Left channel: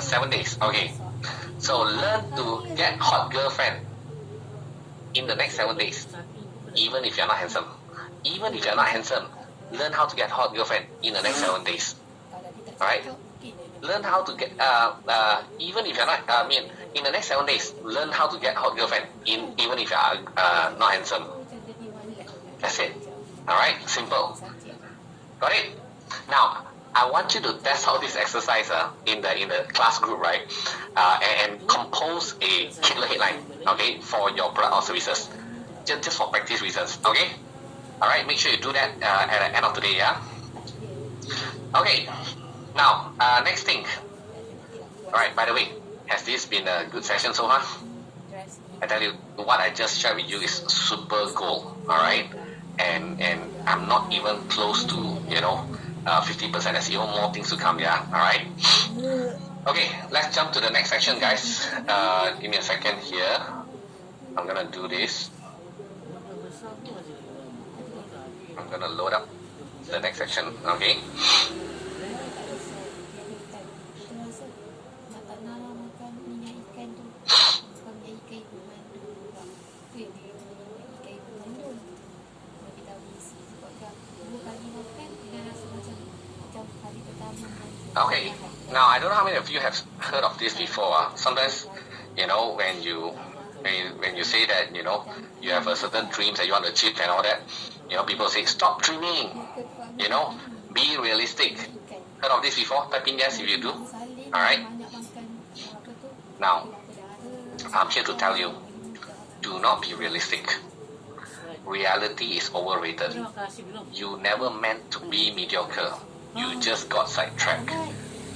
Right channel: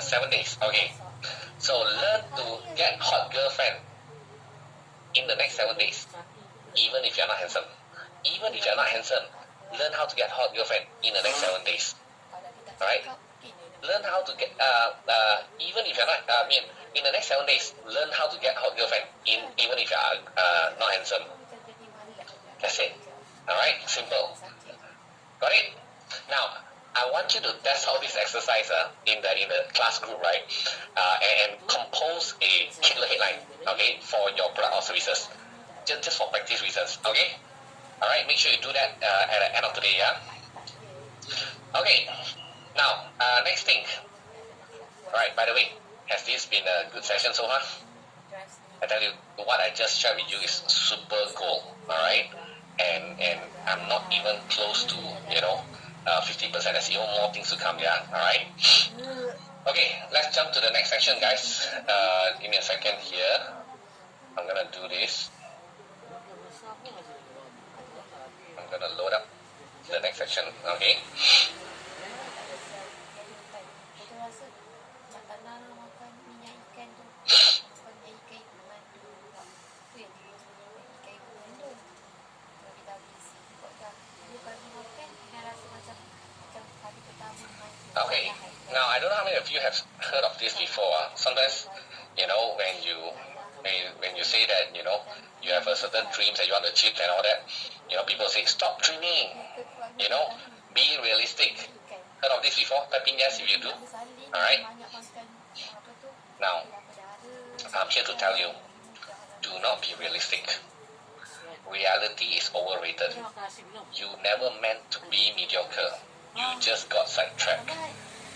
7 days. Okay. So learn to get hot girlfriend in the next 7 days. Even if you're not handsome. Even if you're not handsome, learn how to get hot girlfriend in the next 7 days. Alright? Learn how to get, even if you're not, in the next 7 days, learn how to get hot girlfriend even if you're not handsome. That's it. Alright? Simple. Got it? Now, I want you to test out this exercise in the class group, right? And compose a killer headline, okay, for your product or services. Just for practice reasons, okay? Alright, make sure you do that at the end of the day, yeah? Okay, now, next thing. Alright, by the way, has this been a good session so far? I tell you, what I just shared with you is super gold, alright? And I'm not even close to, 50%. There's even more things to come, yeah? Alright? Okay, let's jump to the next section, guys. Give me a second here. I'm gonna do this. I'm gonna load up the next section, okay? Okay, now I don't know how many of you have heard of this before. Sometimes, when you say that, you have a certain dreams that you want to achieve and all that, people say, stop dreaming, be realistic. Heard of this before? Type in yes if you do. Alright? Now, I'm here to tell you, do not be realistic. Reality is overrated. You never meant to be mediocre. You just got sidetracked.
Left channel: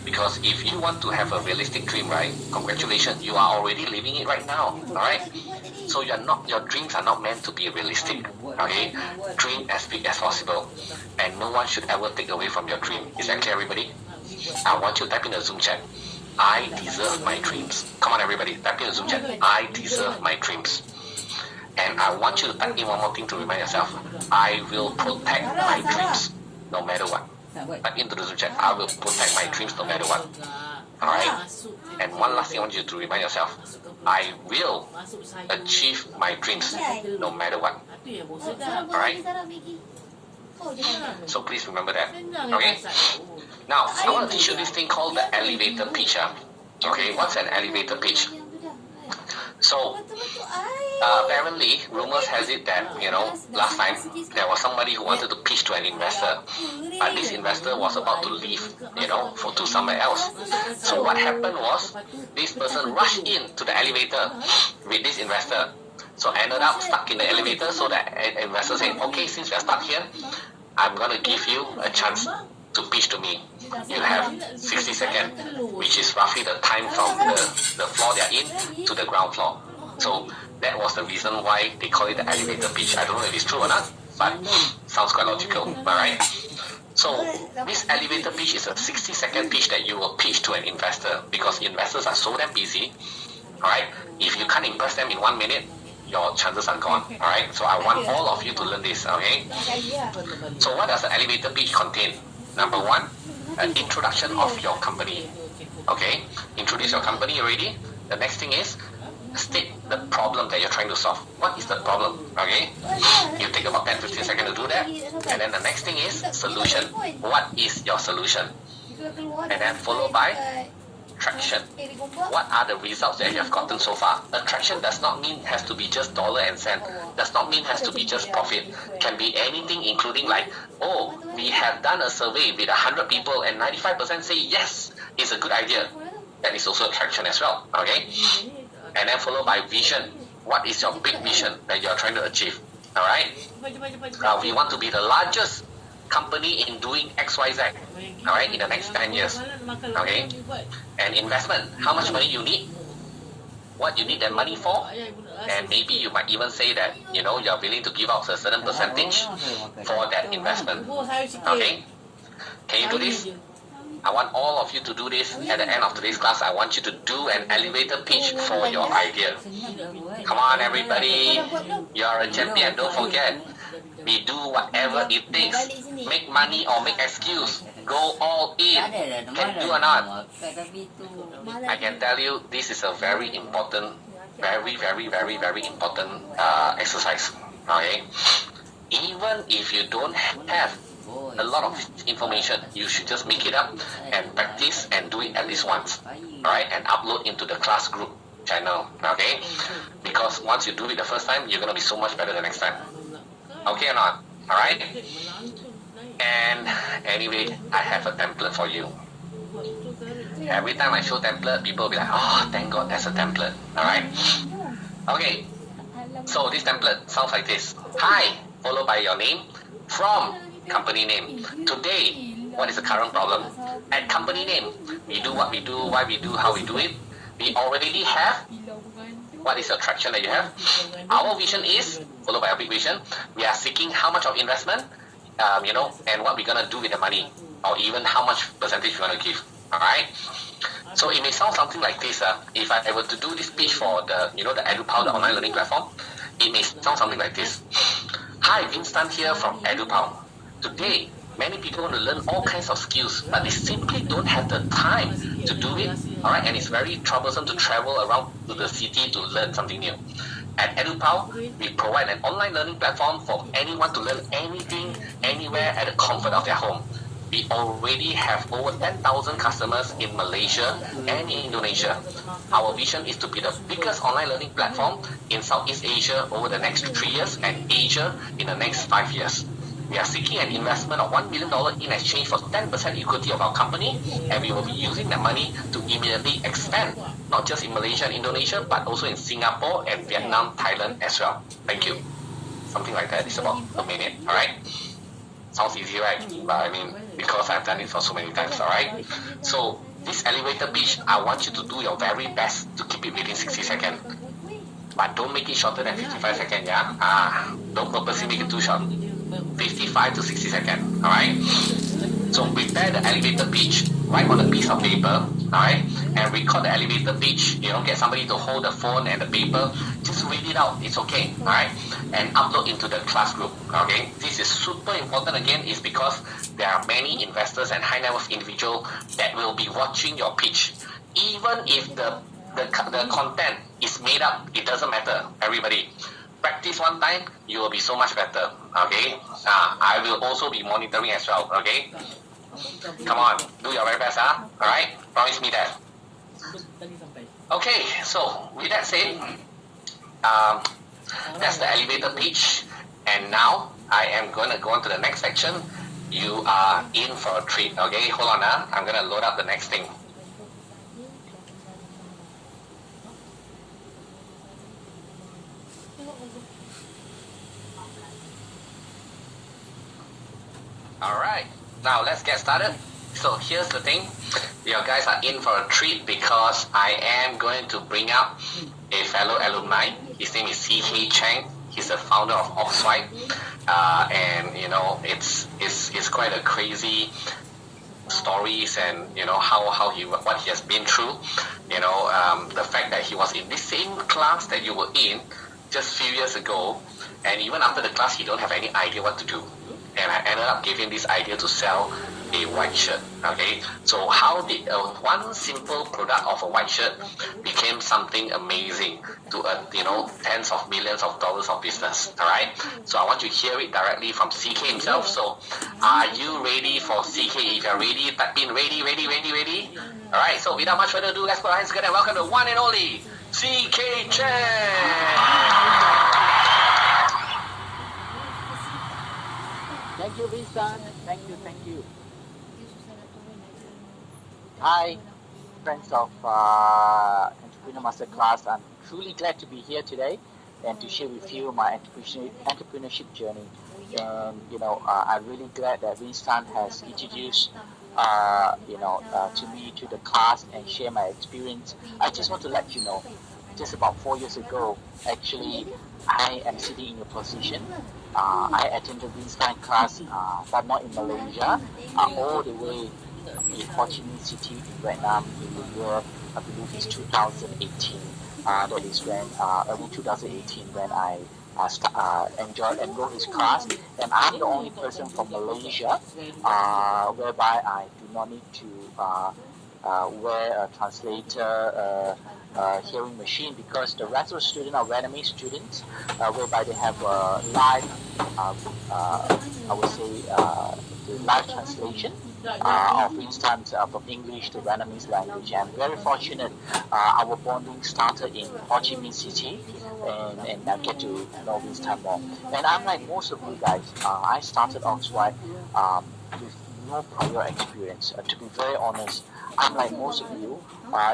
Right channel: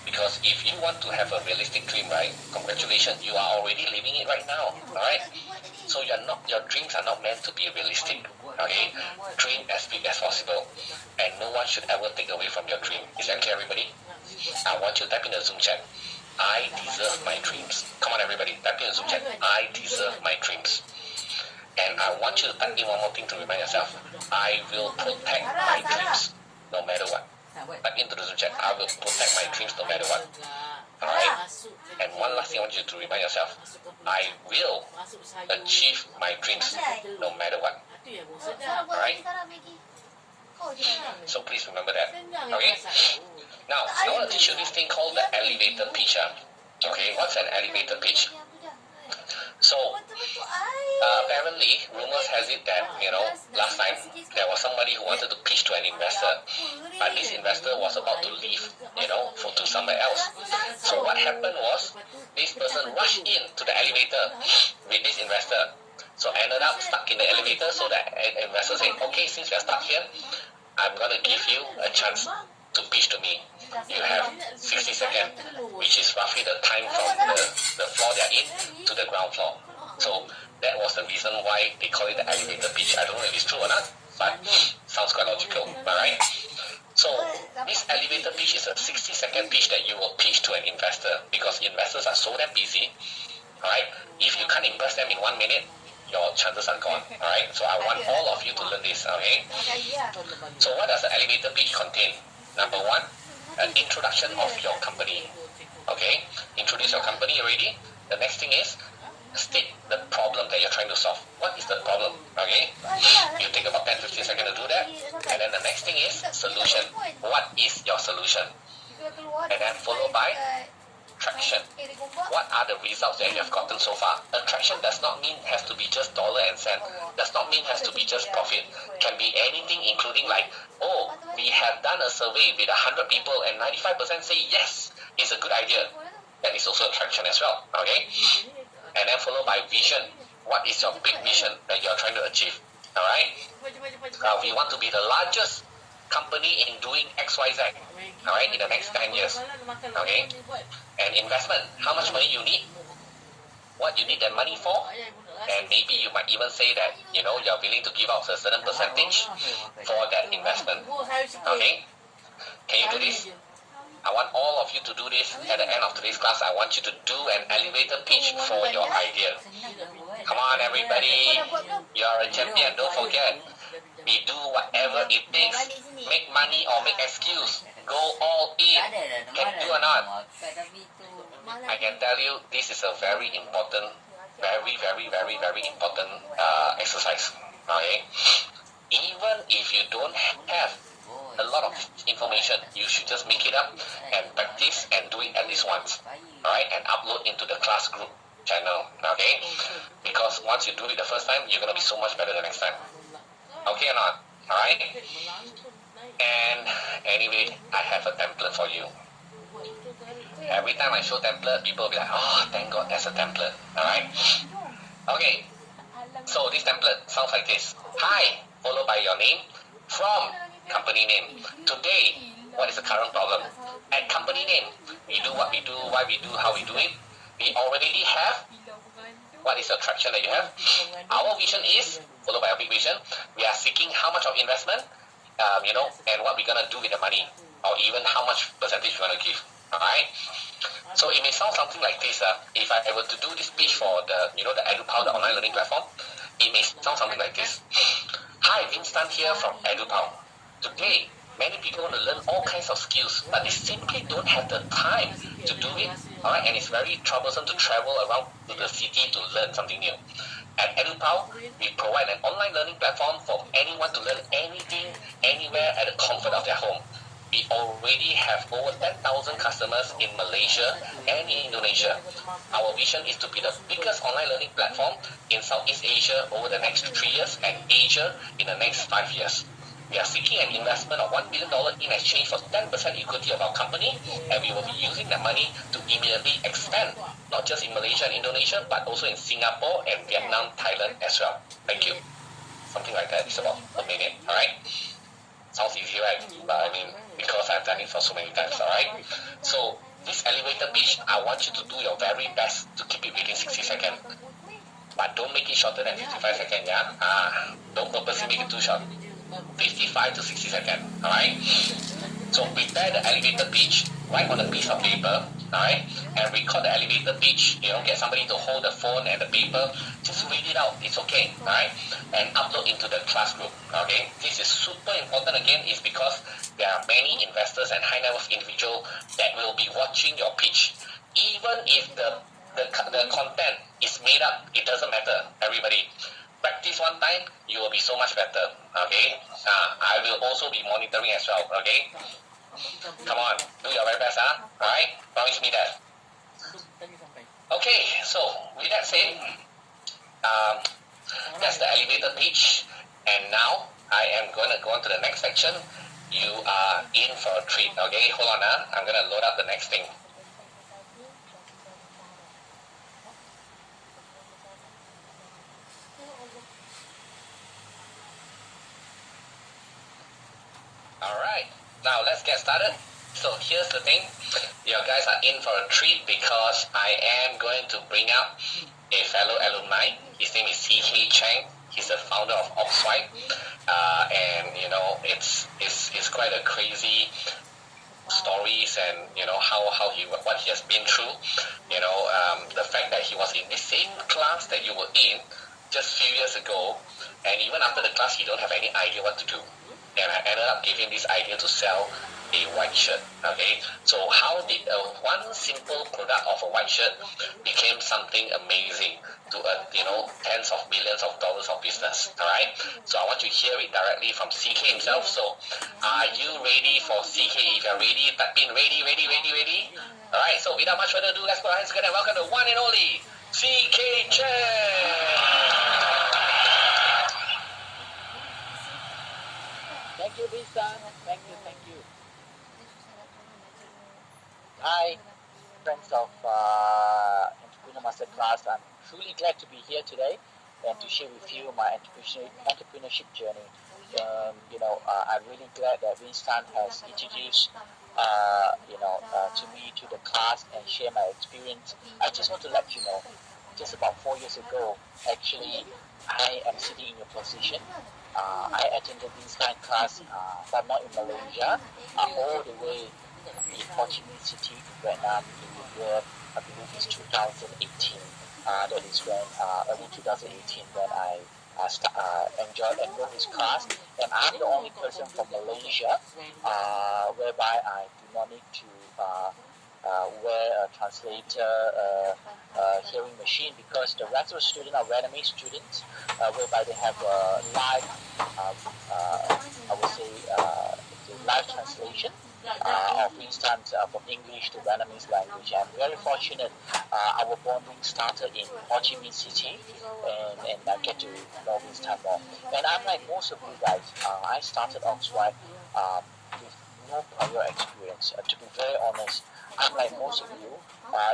Because if you want to have a realistic dream, right, congratulations, you are already living it right now. Alright? So your dreams are not meant to be realistic. Okay? Dream as big as possible. And no one should ever take away from your dream. Is that clear, everybody? I want you to type in the Zoom chat. I deserve my dreams. Come on, everybody. Type in the Zoom chat. I deserve my dreams. And I want you to type in one more thing to remind yourself. I will protect my dreams no matter what. Type into the Zoom chat. I will protect my dreams no matter what. Alright? And one last thing I want you to remind yourself. I will achieve my dreams no matter what. Alright? So please remember that. Okay? Now, I want to teach you this thing called the elevator pitch. Okay? What's an elevator pitch? So, apparently, rumors has it that, last time there was somebody who wanted to pitch to an investor. But this investor was about to leave, to somewhere else. So what happened was, this person rushed in to the elevator with this investor. So ended up stuck in the elevator, so the investor said, okay, since we are stuck here, I'm going to give you a chance to pitch to me. You have 60 seconds, which is roughly the time from the floor they are in to the ground floor. So that was the reason why they call it the elevator pitch. I don't know if it's true or not, but sounds quite logical, alright? So this elevator pitch is a 60-second pitch that you will pitch to an investor, because investors are so damn busy, alright? If you can't impress them in 1 minute, your chances are gone, alright? So I want all of you to learn this, okay? So what does the elevator pitch contain? Number one, an introduction of your company. Okay, introduce your company already. The next thing is state the problem that you're trying to solve. What is the problem? Okay, you take about 10-15 seconds to do that. And then the next thing is solution. What is your solution? And then followed by traction. What are the results that you have gotten so far? Attraction does not mean has to be just dollar and cent. Does not mean has to be just profit. Can be anything, including like, oh, we have done a survey with 100 people and 95% say yes, it's a good idea. That is also attraction as well. Okay? And then followed by vision. What is your big vision that you are trying to achieve? Alright? We want to be the largest company in doing XYZ, alright, in the next 10 years, okay? And investment, how much money you need, what you need that money for, and maybe you might even say that, you're willing to give out a certain percentage for that investment, okay? Can you do this? I want all of you to do this at the end of today's class. I want you to do an elevator pitch for your idea. Come on, everybody. You are a champion, don't forget. We do whatever it takes. Make money or make excuse. go all in. Can do or not? I can tell you this is a very important, very important exercise. Okay? Even if you don't have a lot of information, you should just make it up and practice and do it at least once. Alright? And upload into the class group channel. Okay? Because once you do it the first time, you're going to be so much better the next time. Okay or not? Alright? And anyway, I have a template for you. Every time I show template, people will be like, oh, thank God there's a template. Alright? Okay. So this template sounds like this. Hi, followed by your name, from company name. Today, what is the current problem? At company name, we do what we do, why we do, how we do it. We already have. What is the traction that you have? Our vision is, followed by a big vision, we are seeking how much of investment, and what we're going to do with the money, or even how much percentage we want to give. Alright? So it may sound something like this. If I were to do this pitch for the EduPow, the online learning platform, it may sound something like this. Hi, Winston here from EduPow. Today, many people want to learn all kinds of skills, but they simply don't have the time to do it. Alright, and it's very troublesome to travel around to the city to learn something new. At EduPow, we provide an online learning platform for anyone to learn anything, anywhere at the comfort of their home. We already have over 10,000 customers in Malaysia and in Indonesia. Our vision is to be the biggest online learning platform in Southeast Asia over the next 3 years and Asia in the next 5 years. We are seeking an investment of $1 million in exchange for 10% equity of our company, and we will be using that money to immediately expand, not just in Malaysia and Indonesia, but also in Singapore and Vietnam, Thailand as well. Thank you. Something like that. It's about a minute. Alright? Sounds easy, right? But I mean, because I've done it for so many times, alright? So, this elevator pitch, I want you to do your very best to keep it within 60 seconds. But don't make it shorter than 55 seconds, yeah? Don't purposely make it too short. 55 to 60 seconds, alright? So prepare the elevator pitch, write on a piece of paper, alright? And record the elevator pitch, get somebody to hold the phone and the paper, just read it out, it's okay, alright? And upload into the class group, okay? This is super important again, is because there are many investors and high net worth individuals that will be watching your pitch. Even if the content is made up, it doesn't matter, everybody. Practice one time, you will be so much better, okay? I will also be monitoring as well, okay? Come on, do your very best, alright? Promise me that. Okay, so with that said, that's the elevator pitch, and now I am going to go on to the next section. You are in for a treat, okay? Hold on, I'm going to load up the next thing. Alright, now let's get started. So here's the thing. You guys are in for a treat because I am going to bring up a fellow alumni. His name is CK Chang. He's the founder of Ogos. And it's quite a crazy stories and what he has been through. The fact that he was in this same class that you were in just a few years ago, and even after the class he don't have any idea what to do. And I ended up giving this idea to sell a white shirt. Okay, so how did one simple product of a white shirt became something amazing to tens of millions of dollars of business? All right, so I want you to hear it directly from CK himself. So are you ready for CK? If you're ready, type in ready. All right, so without much further ado, let's put our hands together and welcome the one and only CK Chen. Thank you, Winston. Thank you. Hi, friends of Entrepreneur Masterclass. I'm truly glad to be here today and to share with you my entrepreneurship journey. And I'm really glad that Winston has introduced to me to the class and share my experience. I just want to let you know, just about 4 years ago, actually, I am sitting in your position. I attended Winston class, but not in Malaysia, all the way in Ho Chi Minh City, Vietnam, in the year, I believe it's 2018. That is when, early 2018, when I enroll his class. And I'm the only person from Malaysia, whereby I do not need to wear a translator. Hearing machine, because the rest of the students are Vietnamese students, whereby they have live, I would say, the live translation of instance from English to Vietnamese language. I'm very fortunate. Our bonding started in Ho Chi Minh City, and I get to know Winston more. And I'm like most of you guys. I started Oxford with no prior experience. To be very honest, I'm like most of you.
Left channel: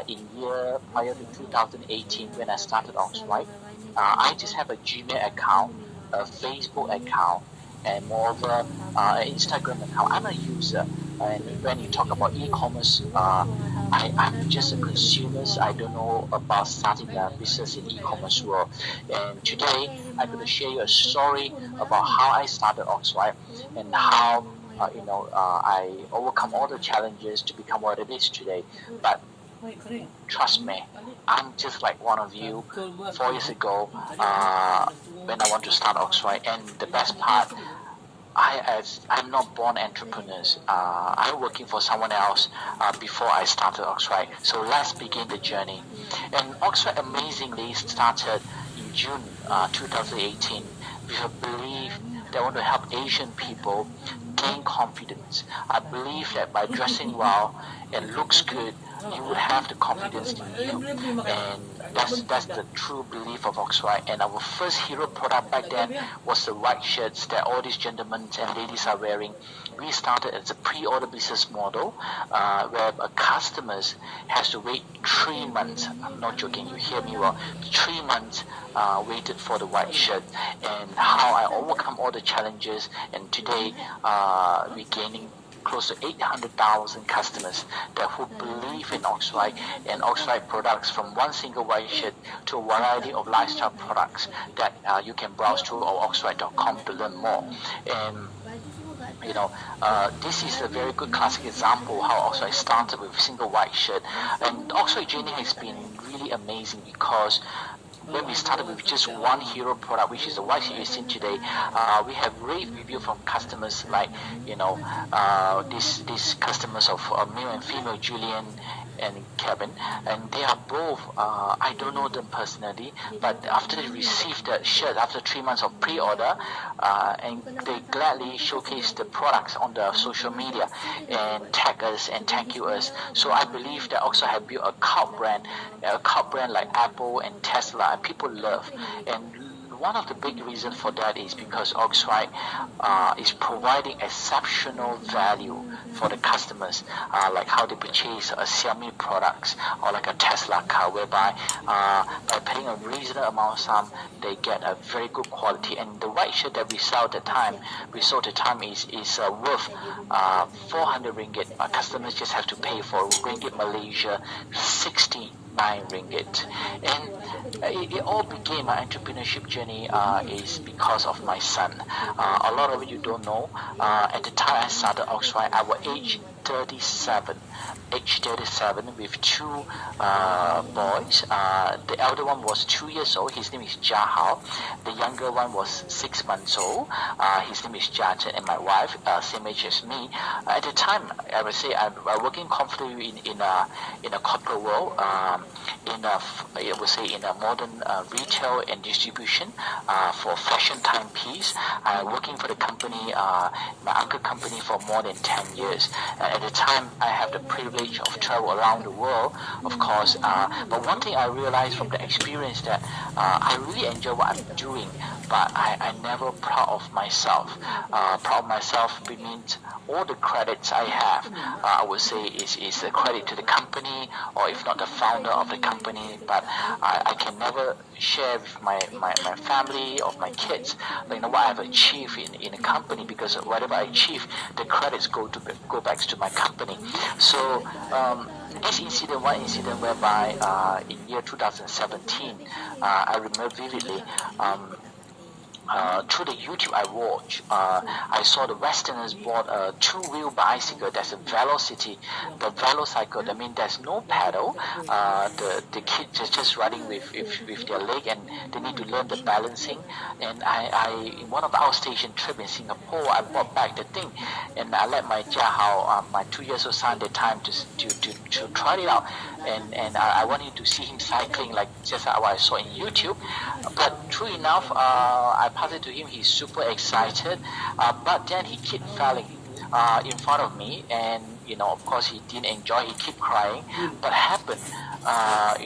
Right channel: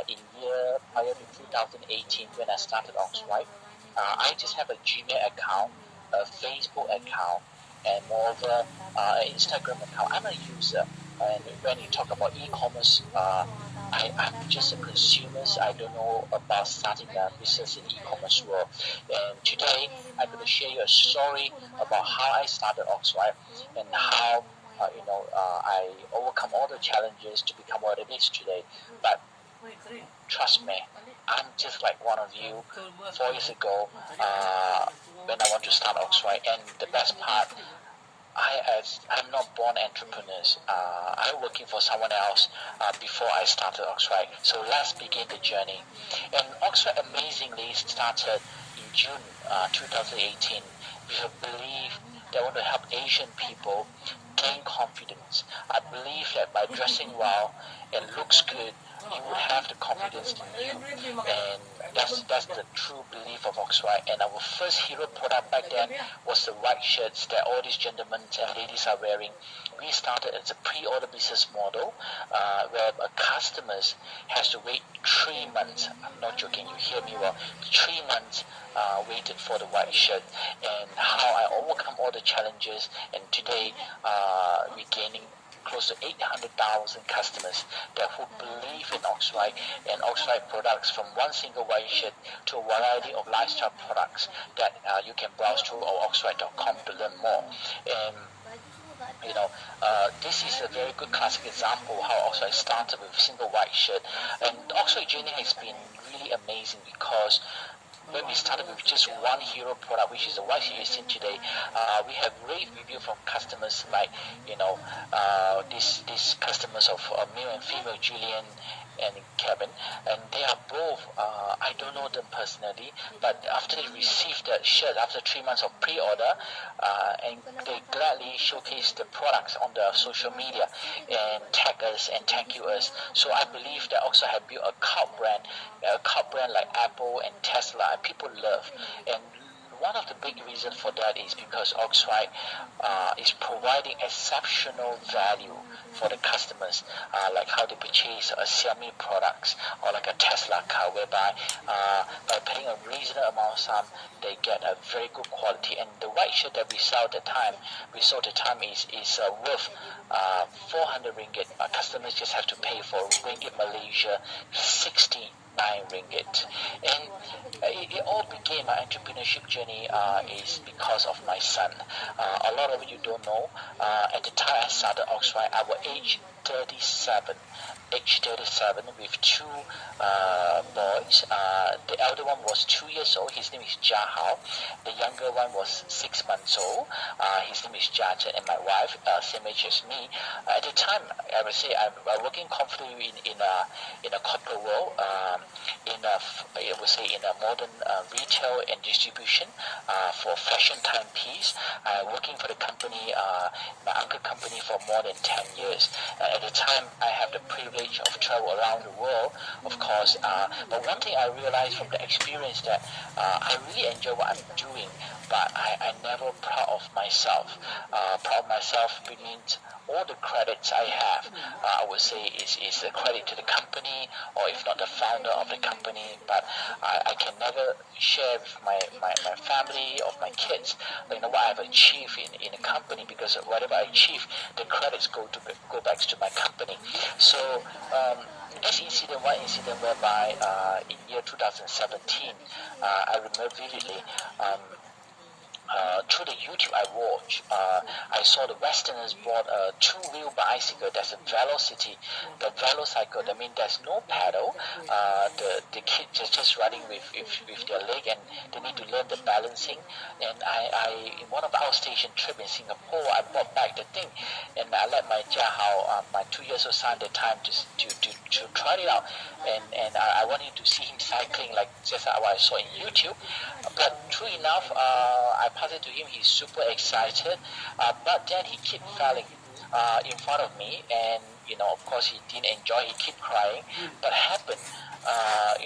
In year prior to 2018, when I started Oxford, I just have a Gmail account, a Facebook account, and moreover, an Instagram account. I'm a user, and when you talk about e-commerce, I'm just a consumer. I don't know about starting a business in e-commerce world. And today, I'm going to share you a story about how I started Oxford and how I overcome all the challenges to become what it is today. But trust me, I'm just like one of you 4 years ago when I want to start Oxford. And the best part, I'm not born entrepreneurs. I'm working for someone else before I started Oxford. So let's begin the journey. And Oxford amazingly started in June 2018 with a belief that I want to help Asian people gain confidence. I believe that by dressing well and looks good, you would have the confidence in you. And that's the true belief of Oxford. And our first hero product back then was the white shirts that all these gentlemen and ladies are wearing. We started as a pre-order business model where a customers has to wait 3 months. I'm not joking, you hear me well. 3 months waited for the white shirt, and how I overcome all the challenges. And today we're gaining close to 800,000 customers that who believe in Oxford and Oxford products, from one single white shirt to a variety of lifestyle products that you can browse through our oxford.com to learn more. And this is a very good classic example how Oxford started with a single white shirt. And Oxford journey has been really amazing because when we started with just one hero product, which is the white shirt you see today, we have rave review from customers like, these customers of male and female, Julian and Kevin, and they are both, I don't know them personally, but after they received the shirt after 3 months of pre-order, and they gladly showcase the products on the social media and tag us and thank you us. So I believe that also have built a cult brand like Apple and Tesla, and people love. And one of the big reasons for that is because Oxford is providing exceptional value for the customers, like how they purchase a Xiaomi products or like a Tesla car, whereby by paying a reasonable amount of sum, they get a very good quality. And the white shirt that we sold at the time is worth 400 ringgit. Customers just have to pay for ringgit Malaysia 69 ringgit. And it all began, my entrepreneurship journey is because of my son. A lot of you don't know, at the time I started Oxford, I was age 37 with two boys. The elder one was 2 years old. His name is Jahao. The younger one was 6 months old. His name is Jajan, and my wife, same age as me. At the time, I would say I'm working comfortably in a corporate world, I would say in a modern retail and distribution for fashion timepiece. I'm working for the company, my uncle company, for more than 10 years. At the time, I have the privilege of travel around the world, of course. But one thing I realized from the experience that I really enjoy what I'm doing, but I'm never proud of myself. Proud of myself means all the credits I have, I would say is a credit to the company, or if not the founder of the company. But I can never share with my family or my kids, what I've achieved in a company, because whatever I achieve, the credits go back to my company. So one incident whereby in year 2017, I remember vividly. through the YouTube I watch, I saw the Westerners bought a two-wheel bicycle. That's a velocity, the velocycle. That means there's no pedal. The kids are just running with their leg, and they need to learn the balancing. And I in one of our station trip in Singapore, I bought back the thing, and I let my Jiahao, my 2 years old son, the time to try it out. And I wanted to see him cycling like just what I saw in YouTube. But true enough, I passed it to him. He's super excited. But then he kept falling in front of me, and of course, he didn't enjoy. He kept crying. But happened, I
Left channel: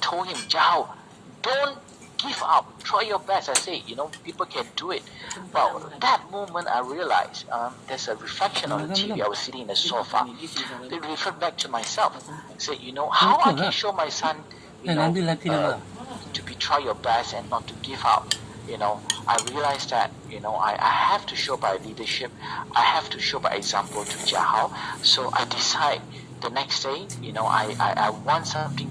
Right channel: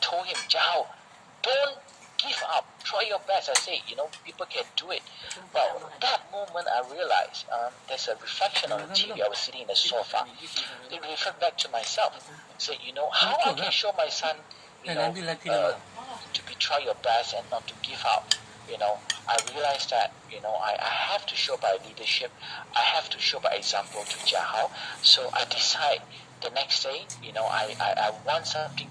told him, Zhao, don't give up. Try your best. I say, people can do it. Well, that moment I realized there's a reflection on the TV. I was sitting in the sofa. They referred back to myself and said, how I can show my son, to be try your best and not to give up. I realized that, I have to show by leadership. I have to show by example to Jiahao. So I decide the next day, I want something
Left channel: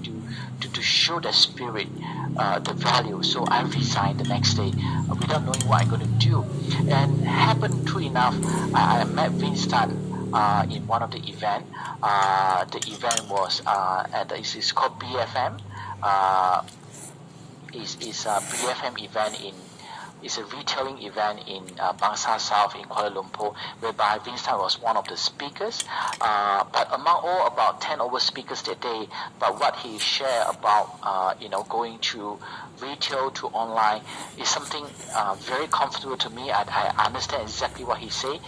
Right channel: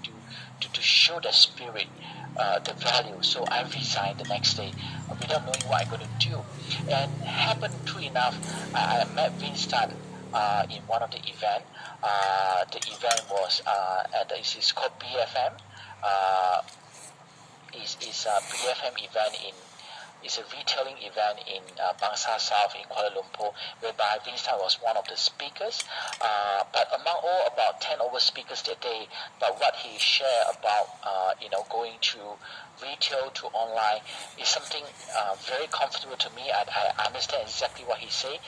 to show the spirit, the value. So I resigned the next day without knowing what I'm going to do. And happened true enough, I met Vince Tan in one of the event. The event was it's called BFM. Is a BFM event it's a retailing event in Bangsa South in Kuala Lumpur, whereby Vincent was one of the speakers. But among all about 10 over speakers that day, but what he shared about going to retail to online is something very comfortable to me. I understand exactly what he said.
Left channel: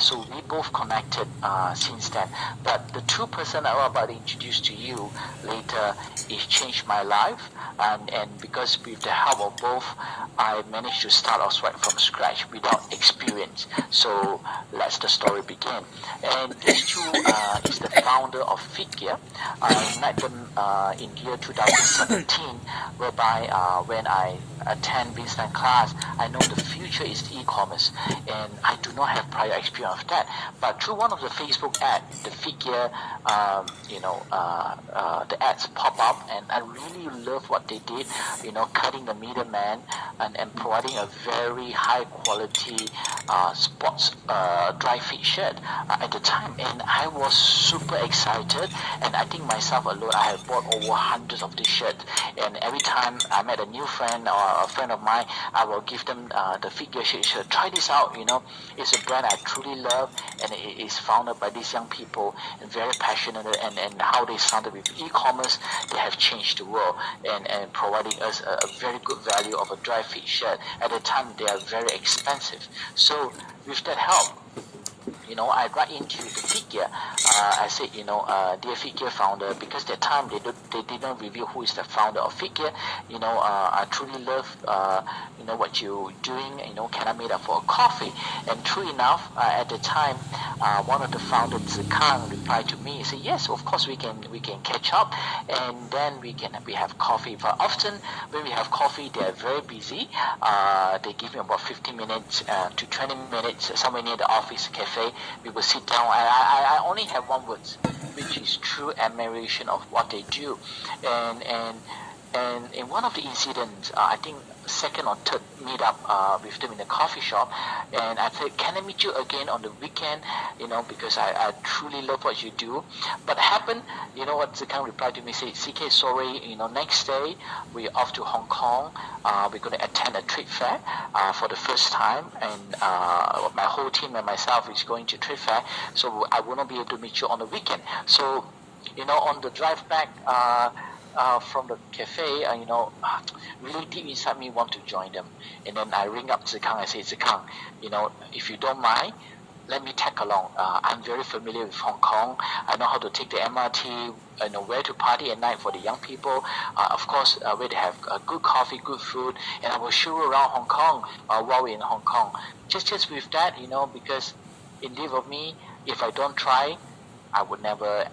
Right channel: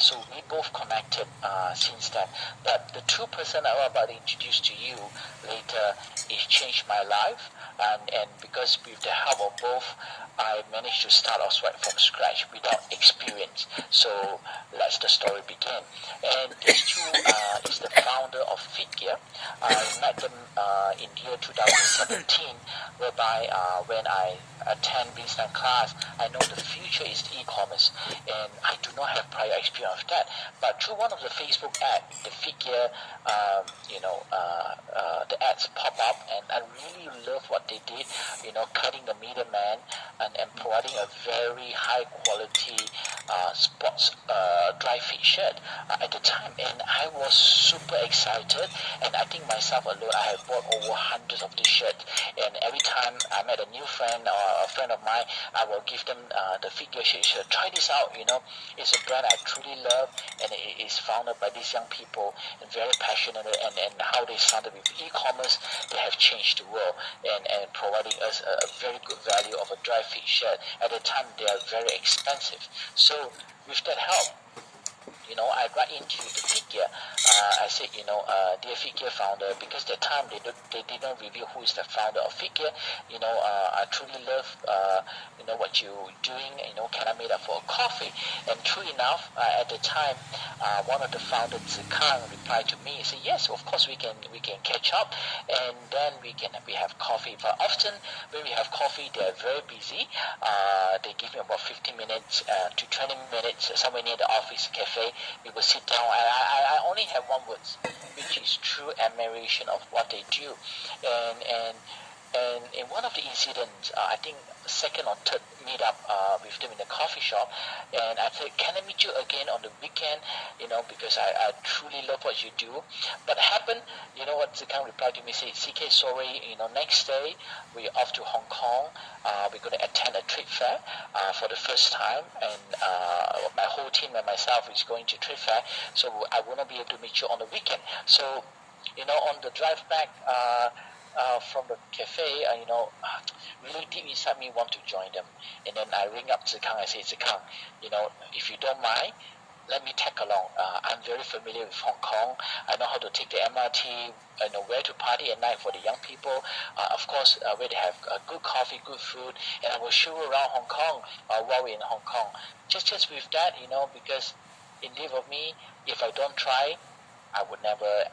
So we both connected since then. But the two person I'm about to introduce to you later, it changed my life. And because with the help of both, I managed to start off right from scratch without experience. So let's the story begin. And these two is the founder of FitGear. I met them in year 2017, whereby when I attend Vincent class, I know the future is e-commerce, and I do not have prior experience of that. But through one of the Facebook ads, the FitGear, the ads pop up, and I really love what they did, cutting the middleman and providing a very high quality sports dry fit shirt at the time. And I was super excited, and I think myself alone, I have bought over hundreds of these shirts. And every time I met a new friend or a friend of mine, I will give them the FitGear shirt. Try this out, it's a brand I truly love, and it is founded by these young people and very passionate, and how they started with e-commerce, they have changed the world and providing us a very good value of a dry fit shirt. At the time, they are very expensive. So with that help, I got into the FitGear. I said, dear FitGear founder, because that time they didn't reveal who is the founder of FitGear. I truly love, what you're doing. Can I meet up for a coffee? And true enough, at the time, one of the founders, Zikang, replied to me. He said, yes, of course we can catch up, and then we have coffee. But often when we have coffee, they are very busy. They give me about 15 minutes to 20 minutes somewhere near the office cafe. We will sit down. I only have one word, which is true admiration of what they do. And in one of the incidents, I think second or third meet up with them in the coffee shop, and I said, can I meet you again on the weekend, because I truly love what you do. But happened, what Zikang replied to me, say, CK, sorry, next day we're off to Hong Kong. We're going to attend a trade fair for the first time, and my whole team and myself is going to trade fair, so I will not be able to meet you on the weekend. So, on the drive back from the cafe, really deep inside me want to join them. And then I ring up Zikang. I say, Zikang, if you don't mind, let me tag along. I'm very familiar with Hong Kong. I know how to take the MRT, where to party at night for the young people. Of course, where they have good coffee, good food, and I will show you around Hong Kong while we're in Hong Kong. Just with that, because in lieu of me, if I don't try, I would never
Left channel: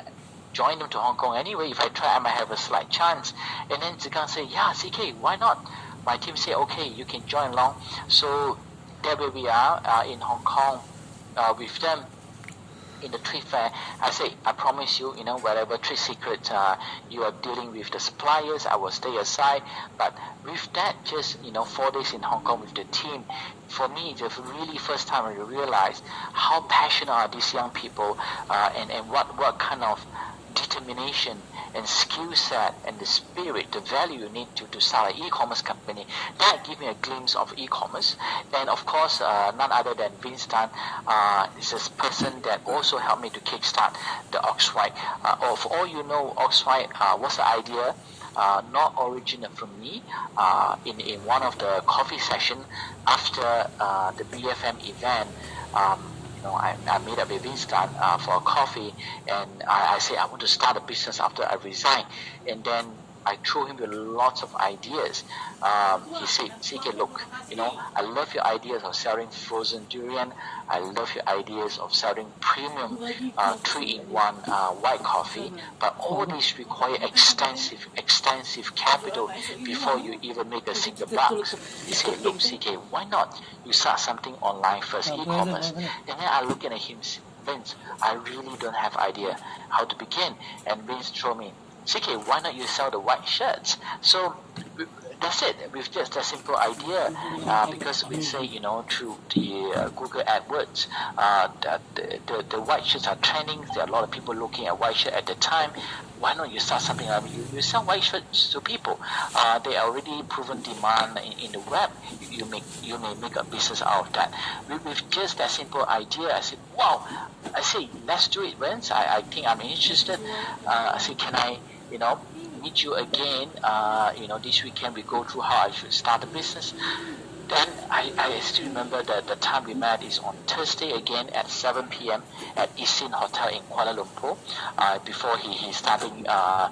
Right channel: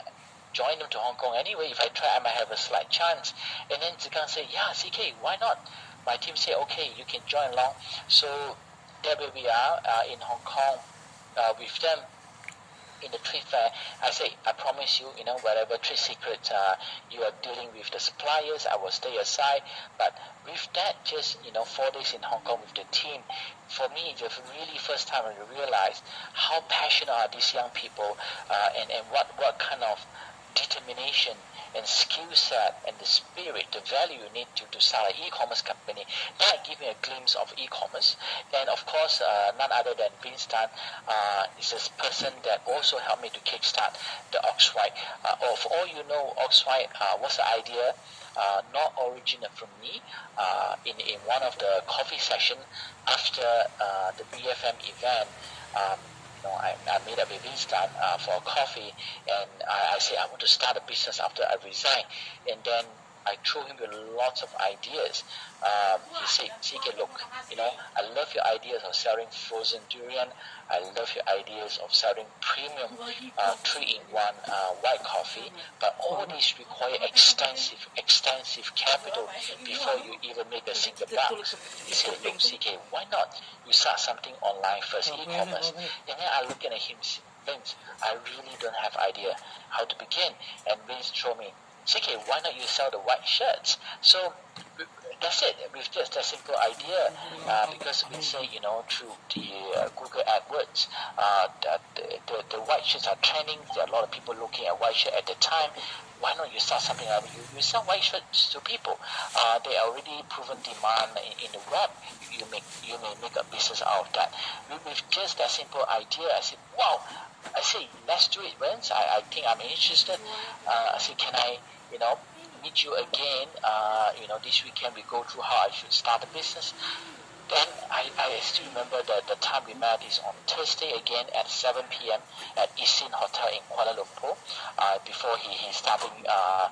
join them to Hong Kong anyway. If I try, I might have a slight chance. And then Zikang say, yeah, CK, why not? My team say, okay, you can join along. So there where we are in Hong Kong with them. in the trade fair, I say, I promise you, whatever trade secrets you are dealing with the suppliers, I will stay aside. But with that, just 4 days in Hong Kong with the team, for me, the really first time I realized how passionate are these young people, and what kind of determination and skill set and the spirit, the value you need to start an e-commerce company. That gave me a glimpse of e-commerce. And of course, none other than Vince Tan is a person that also helped me to kickstart the Oxwhite. For all you know, Oxwhite was the idea not originate from me. In one of the coffee session after the BFM event, I made up with Vince Tan for a coffee, and I said I want to start a business after I resign. And then I threw him with lots of ideas. He said, CK, look, I love your ideas of selling frozen durian. I love your ideas of selling premium 3-in-1 white coffee. But all these require extensive capital before you even make a single buck. He said, look, CK, why not you start something online first, e-commerce? And then I look at him, Vince, I really don't have idea how to begin. And Vince told me, CK, why not you sell the white shirts? So that's it. With just a simple idea, because we say, through the Google AdWords, the white shirts are trending. There are a lot of people looking at white shirt at the time. Why not you start something like you sell white shirts to people? They are already proven demand in the web. You may make a business out of that. With just that simple idea, I said, wow. I say, let's do it, Vince. I think I'm interested. I said, can I, meet you again? This weekend we go through how I should start a business. Then I still remember that the time we met is on Thursday again at 7 p.m. at Isin Hotel in Kuala Lumpur. Before he started a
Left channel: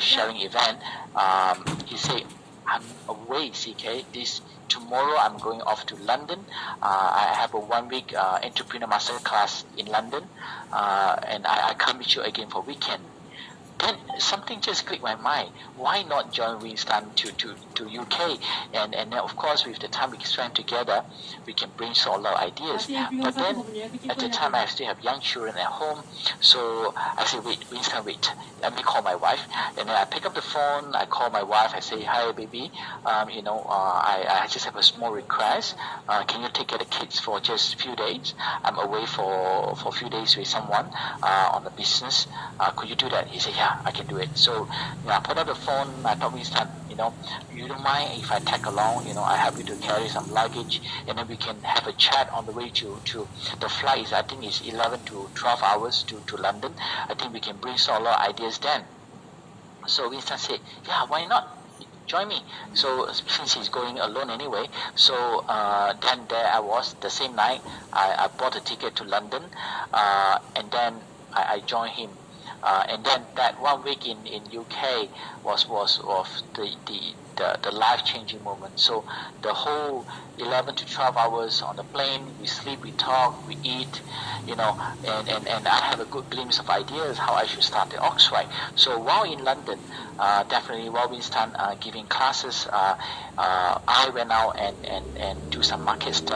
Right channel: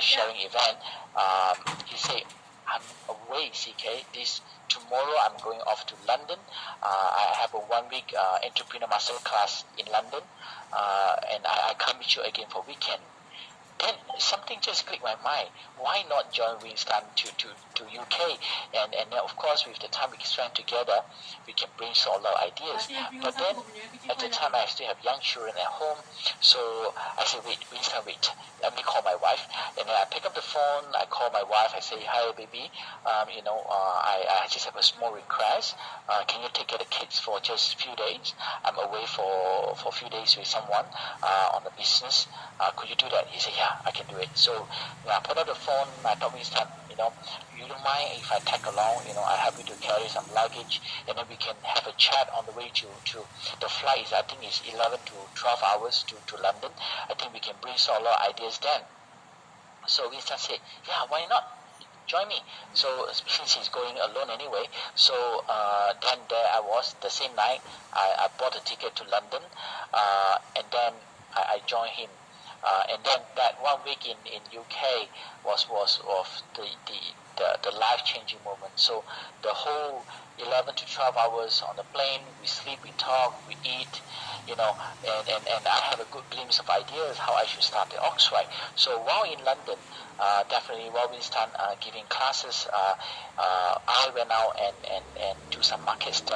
sharing event, he said, I'm away, CK. Tomorrow I'm going off to London. I have a 1-week entrepreneur masterclass in London, and I can't meet you again for weekend. Then something just clicked my mind. Why not join Winston to UK? And then of course with the time we spend together, we can brainstorm a lot of ideas. But then at the time I still have young children at home, so I said, Winston, let me call my wife. And then I pick up the phone, I call my wife, I say, hi baby, I just have a small request. Can you take care of the kids for just a few days? I'm away for a few days with someone on the business. Could you do that? He said, yeah, I can do it. So I put up the phone, I told Winston, you don't mind if I tag along, I help you to carry some luggage, and then we can have a chat on the way to the flight. I think it's 11 to 12 hours to London. I think we can brainstorm a lot of ideas then. So Winston said, yeah, why not? Join me. So since he's going alone anyway, so then there I was the same night. I bought a ticket to London, and then I joined him. And then that 1 week in UK was the life-changing moment. So the whole 11 to 12 hours on the plane, we sleep, we talk, we eat, and I have a good glimpse of ideas how I should start the Oxwhite. So while in London, definitely while Winston giving classes, I went out and do some market study.